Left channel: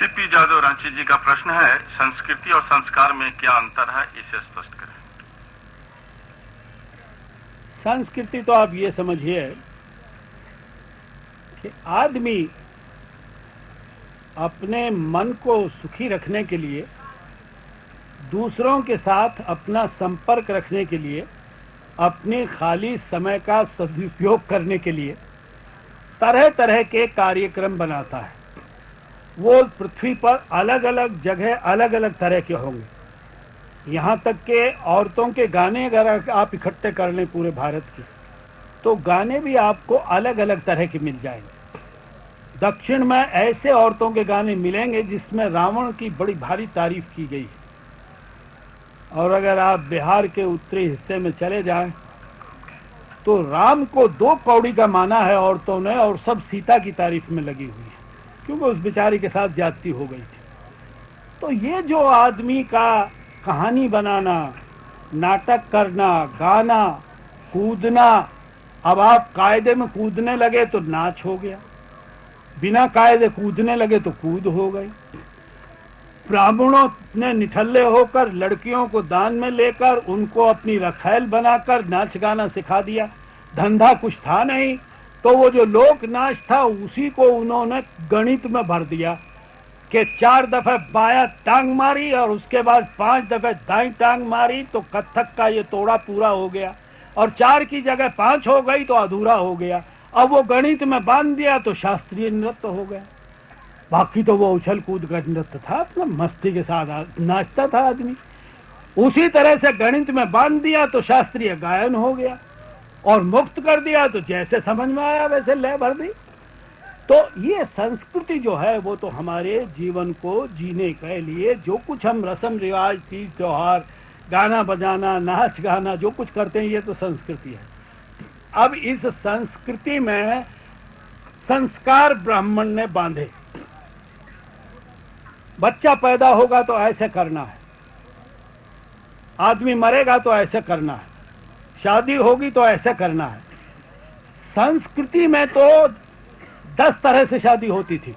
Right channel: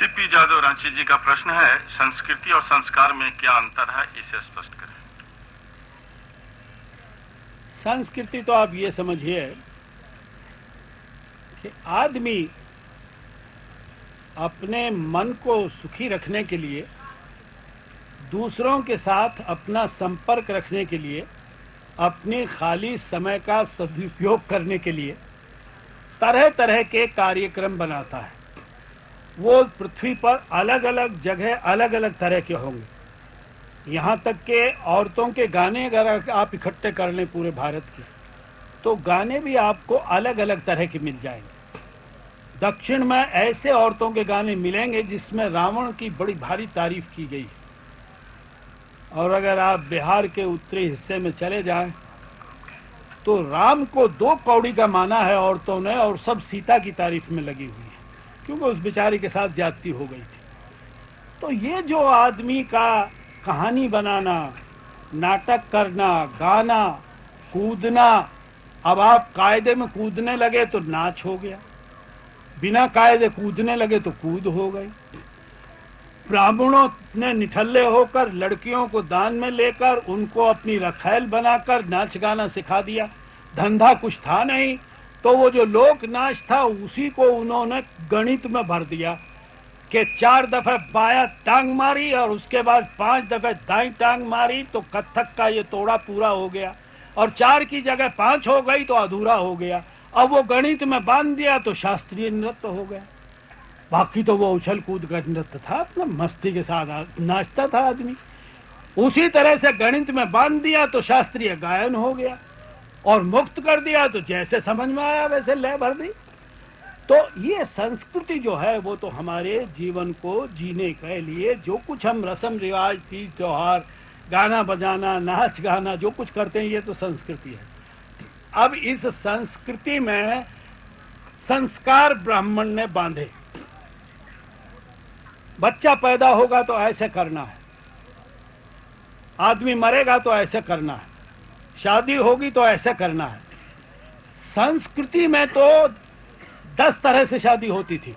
CP Jadav Ranchi जी का प्रश्न है, संस्कृति और संस्कार में क्या अंतर है, इसे स्पष्ट करें। संस्कृति तो आप ये समझिए कि आदमी अपने मन को सुखी रखने के लिए, दूसरों के साथ अपना संपर्क रखने के लिए, अपने खाली समय का सदुपयोग करने के लिए तरह तरह के कार्यक्रम बनाता है। वो पृथ्वी पर अलग अलग जगह अलग अलग तरह के होंगे। यहाँ तक के औरतों के गाने अगर आप इकट्ठे कर लें पूरे भारत के, तो गाने भी आपको अलग अलग तरह के मिल जाएंगे। दक्षिण में ऐसे औरतों के गाने मिलेंगे जिसमें रावण की बड़ी भारी तारीफ की गई। और अगर आप बिहार के उत्तरी हिस्से में चले जाएं तो राम को 2 कौड़ी का माना है औरतों ने, और सब सीता की तारीफ में लगी हुई है, क्योंकि उस बेचारी के साथ ज्यादती हो गई थी। तो ये जो आदमी का कहानी बनाना, नाटक करना, गाना, कूदना, अब आप कायदे में कूदने लगे तो नाच हो गया, बिना कायदे कूदने लगे तो कूद हो गई। ब्राह्मणों ने निठल्ले होकर लड़कियों को दान में लेकर उनको अपनी रखैल बनाकर नाच गाना सिखा दिया। धंधा कुछ था नहीं, तो वो जो लोक नाच था उसी को उन्होंने गणित में भर दिया कि 4 दफे बाया टांग मारी और उसके बाद 5 दफे दाई टांग मारी तो कथक का ये तोड़ा पूरा हो गया, और 4 की जगह 5 हो गई तो अधूरा हो गया। अब वो गणित में बांध दिया तो शास्त्रीय नृत्य हो गया। बाकी तो वो उछल कूद का नृत्य था, अपना मस्ती के साथ नाचता था आदमी। उसी तरह से गणित में बांध दिया तो शास्त्रीय गायन हो गया, और मुक्त कर दिया तो जैसे समझ में आया वैसे लय भर दी। तो ये संस्कृति जो है वो तो हमारे जीवन को जीने के लिए जो कुछ हम रस्म रिवाज, तीज त्योहार, गाना बजाना, नाच गाना जो कुछ करते हैं, ये तो संस्कृति है। अब इस संस्कृति में संस्कार ब्राह्मण ने बांधे। बच्चा पैदा होगा तो ऐसे करना है, आदमी मरेगा तो ऐसे करना है, शादी होगी तो ऐसे करना है। संस्कृति में तो 10 तरह से शादी होती थी,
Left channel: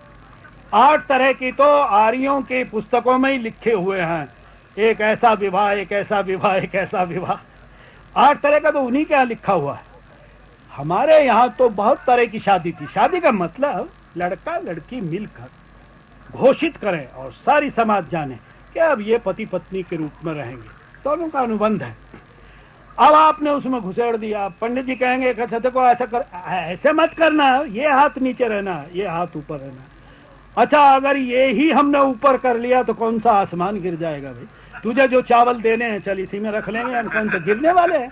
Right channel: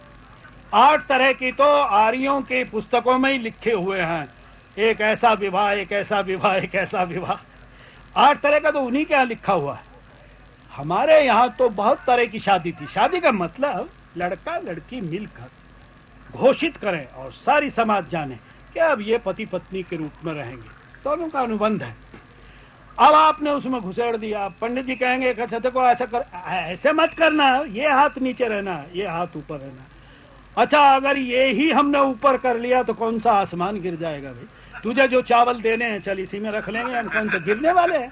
8 तरह की तो आर्यों की पुस्तकों में ही लिखे हुए हैं। एक ऐसा विवाह, एक ऐसा विवाह, एक ऐसा विवाह, 8 तरह का तो उन्हीं के यहाँ लिखा हुआ है। हमारे यहाँ तो बहुत तरह की शादी थी। शादी का मतलब लड़का लड़की मिलकर घोषित करें और सारी समाज जाने कि अब ये पति पत्नी के रूप में रहेंगे, दोनों का अनुबंध है। अब आपने उसमें घुसेड़ दिया, पंडित जी कहेंगे अच्छा देखो ऐसा कर, ऐसे मत करना, ये हाथ नीचे रहना, ये हाथ ऊपर रहना। अच्छा अगर ये ही हमने ऊपर कर लिया तो कौन सा आसमान गिर जाएगा भाई, तुझे जो चावल देने हैं चल इसी में रख लेंगे, हम कौन तो गिरने वाले हैं।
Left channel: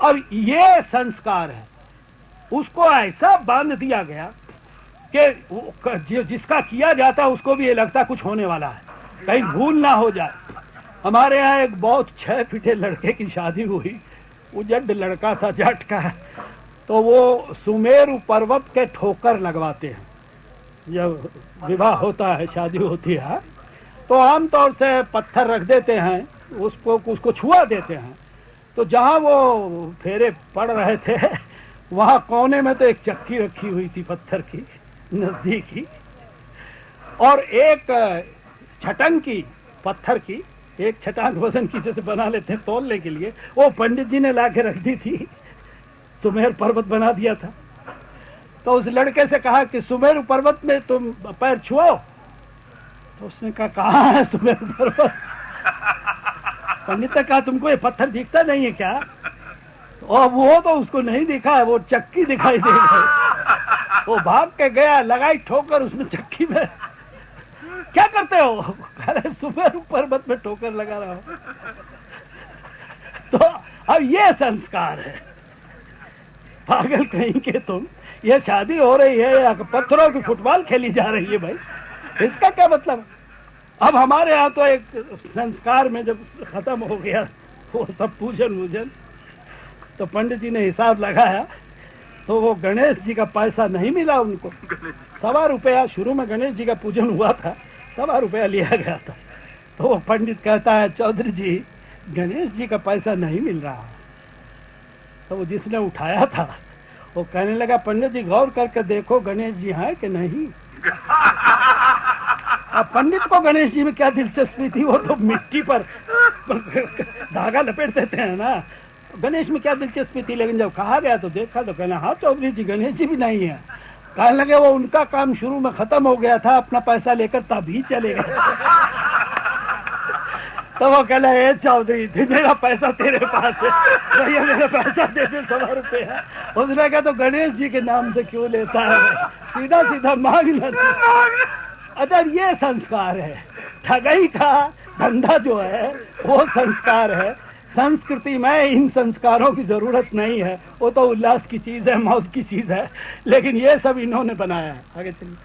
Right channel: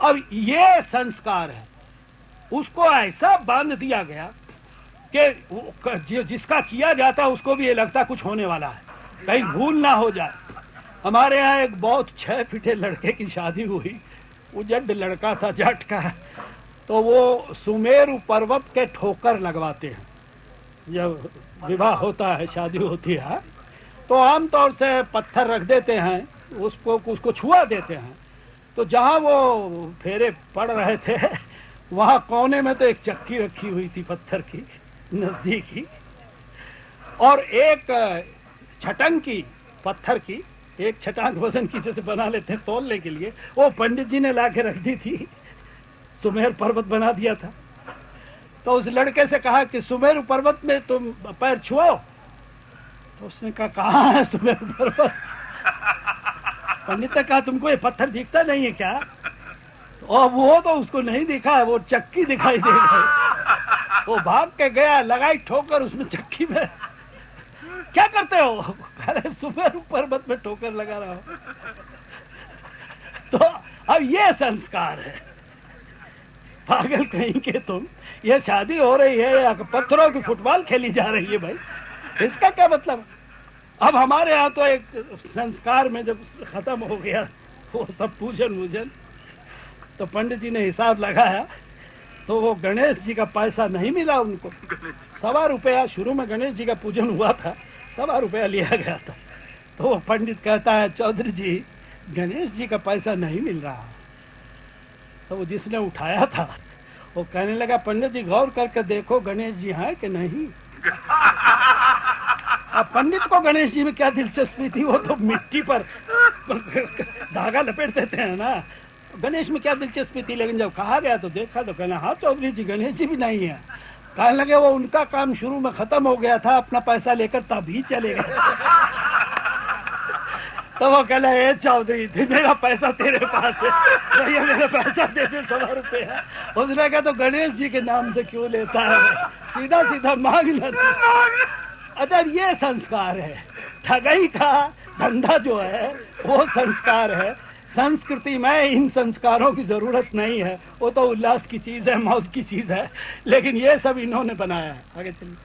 अब ये संस्कार है, उसको ऐसा बांध दिया गया कि जिसका किया जाता है उसको भी ये लगता कुछ होने वाला है, कहीं भूल ना हो जाए। हमारे यहाँ एक बहुत 6 फीटे लड़के की शादी हुई, उजड़ लड़का था, जट का, तो वो सुमेरु पर्वत के ठोकर लगवाते हैं जब विवाह होता है, शादी होती है, तो आमतौर से पत्थर रख देते हैं, उसको छुआ देते हैं। तो जहाँ वो फेरे पड़ रहे थे वहाँ कोने में तो एक चक्की रखी हुई थी पत्थर की नजदीक ही, और एक छटंग की पत्थर की, एक छटांग वजन की जैसे बना लेते हैं तोलने के लिए, वो पंडित जी ने लाके रख दी थी, सुमेर पर्वत बना दिया था। तो उस लड़के से कहा कि सुमेर पर्वत में तुम पैर छुओ, तो उसने कहा कहाँ है सुमेर पर्वत। पंडित ने कहा तुमको ये पत्थर दिखता नहीं है क्या? और वो तो उसको नहीं दिखा है, वो चक्की दिखाई दे गई। वो भाग के गया, लगाई ठोकर उसने चक्की में। क्या करते हो? अरे सुमेर पर्वत में ठोकर लगा रहा हूं। तो अब ये संस्कार है। पागल कहीं के तुम, ये शादी हो रही है या पत्थरों की फुटबॉल खेली जा रही है भाई, इसका क्या मतलब? अब हमारे यहाँ तो एक संस्कार में जब खत्म हो गया वो सब पूजन वूजन, तो पंडित जी ने हिसाब लगाया तो वो गणेश जी का पैसा नहीं मिला उनको। 1.25 रुपया, शुरू में गणेश जी का पूजन हुआ था, 1.25 रुपया लिया गया था। तो वो पंडित कहता है चौधरी जी गणेश जी का पैसा नहीं मिल रहा। तो वो जिसने उठाया था वो कहने लगा पंडित जी गौर करके देखो गणेश जी हैं कि नहीं। अब पंडित को गणेश जी में क्या दिलचस्पी थी, वो तो मिट्टी पर धागा लपेट देते हैं ना, गणेश में क्या दिलचस्पी थी। लेकिन जब कहा गया तो देखा तो कहना हाँ चौधरी जी गणेश जी भी नहीं है। कहने लगे वो उनका काम शुरू में खत्म हो गया था, अपना पैसा लेकर तभी चले गए। तो वो कहला ए चौधरी थी, मेरा पैसा तेरे पास है, भैया मेरा पैसा दे दे 100 रुपया। उसने कहा तो गणेश जी के नाम से क्यों लेता है, सीधा सीधा मांग लेता। अच्छा ये संस्कार है, ठगाई का धंधा जो है वो संस्कार है। संस्कृति में इन संस्कारों की जरूरत नहीं है, वो तो उल्लास की चीज है, मौज की चीज है, लेकिन ये सब इन्होंने बनाया है। आगे चलिए।